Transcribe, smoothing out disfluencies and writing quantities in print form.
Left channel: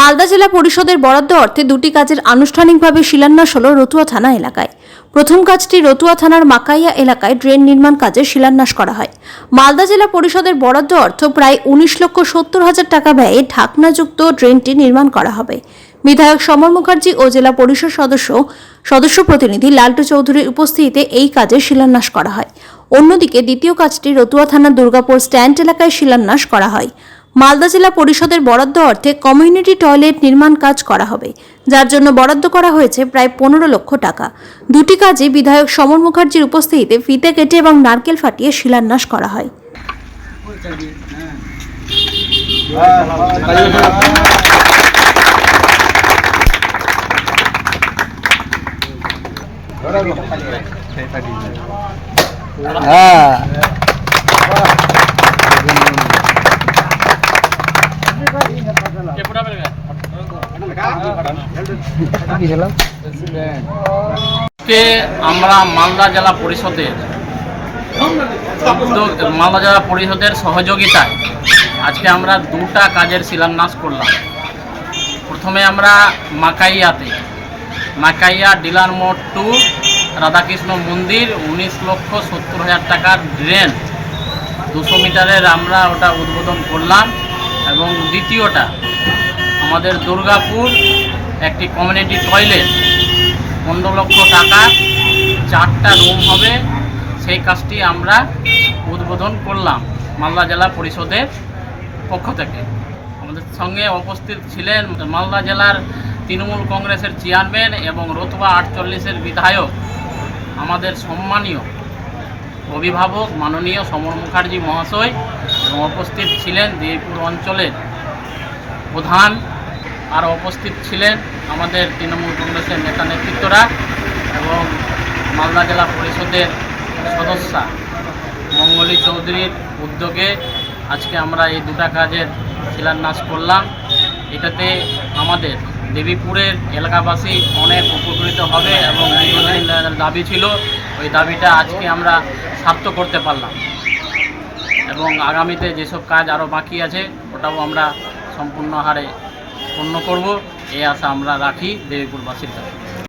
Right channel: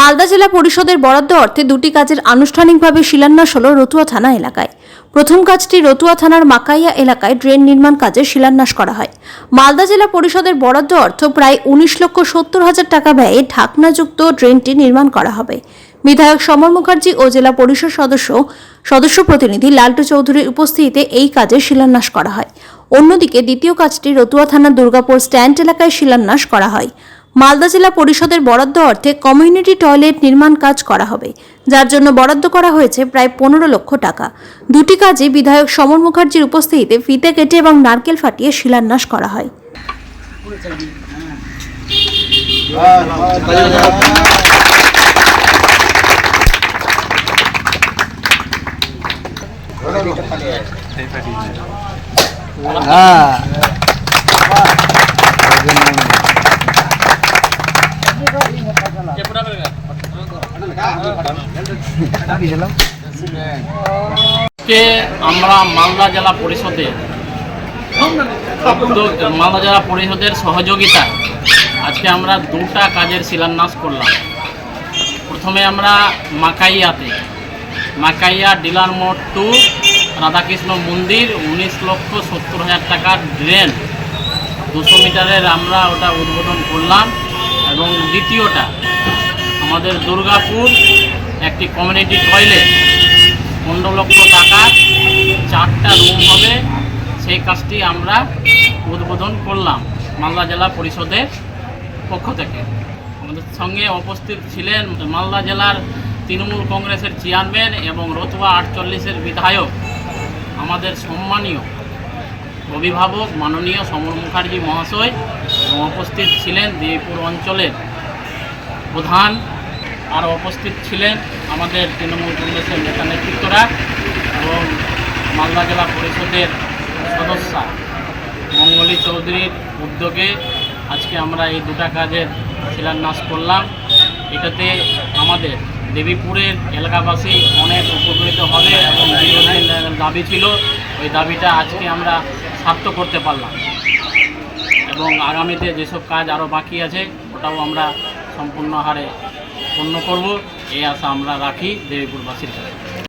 মালদা জেলা পরিষদের বরাদ্দ অর্থে দুটি কাজের আনুষ্ঠানিকভাবে শিলান্যাস হল রতুয়া থানা এলাকায়। প্রথম কাজটি রতুয়া থানার মাকাইয়া এলাকায় ড্রেন নির্মাণ কাজের শিলান্যাস করা হয়। মালদা জেলা পরিষদের বরাদ্দ অর্থ প্রায় 19,70,000 টাকা ব্যয়ে ঢাকনাযুক্ত ড্রেনটি নির্মাণ করা হবে। বিধায়ক সমর মুখার্জি ও জেলা পরিষদ সদস্য প্রতিনিধি লালটু চৌধুরীর উপস্থিতিতে এই কাজের শিলান্যাস করা হয়। অন্যদিকে দ্বিতীয় কাজটি রতুয়া থানার দুর্গাপুর স্ট্যান্ড এলাকায় শিলান্যাস করা হয়। মালদা জেলা পরিষদের বরাদ্দ অর্থে কমিউনিটি টয়লেট নির্মাণ কাজ করা হবে, যার জন্য বরাদ্দ করা হয়েছে প্রায় 15 লক্ষ টাকা। দুটি কাজে বিধায়ক সমর মুখার্জির উপস্থিতিতে ফিতে কেটে এবং নারকেল ফাটিয়ে শিলান্যাস করা হয়। আমরা মালদা জেলা পরিষদের সহযোগিতায় আজকে আমরা দুটা কাজের শিলান্যাস করলাম। প্রথমে আমরা মাকাইয়া ডিলার মোড় টু রাধাকৃষ্ণ মন্দির 19,70,000 টাকার ড্রেন 200 মিটারের আমরা ওটা উদ্বোধন করলাম। এবং দ্বিতীয়টা আমাদের দুর্গাপুর একটি কমিউনিটি টয়লেট 15 লক্ষ টাকার 4টা রুম হবে, সেই কাজটি আমরা উদ্বোধন করলাম মালদা জেলা পরিষদের পক্ষ থেকে। আমাদের সঙ্গে উপস্থিত ছিলেন মালদা জেলার তৃণমূল কংগ্রেসের চেয়ারম্যান এবং রতুয়া 48-এর বিধায়ক, আমাদের সম্মানীয় অভিভাবক মাননীয় সমর মুখার্জি মহাশয়, এবং উপস্থিত ছিলেন দেবীপুর অঞ্চলের প্রধান, আর উপস্থিত ছিলেন আমাদের তৃণমূল কংগ্রেসের নেতা নেতৃত্বরা এবং মালদা জেলা পরিষদের সদস্যা মঙ্গলী চৌধুরীর উদ্যোগে আজকে আমরা এই দুটা কাজের শিলান্যাস করলাম। এটাতে আমাদের দেবীপুরের এলাকাবাসী অনেক উপকৃত হবে এবং দীর্ঘদিনের দাবি ছিল, ওই দাবিটা আজকে আমরা সার্থক করতে পারলাম। এবং আগামীতে যেসব কাজ আরও বাকি আছে ওটাও আমরা সম্পূর্ণ হারে পূর্ণ করব, এই আশা আমরা রাখি দেবীপুরবাসীর কাছে।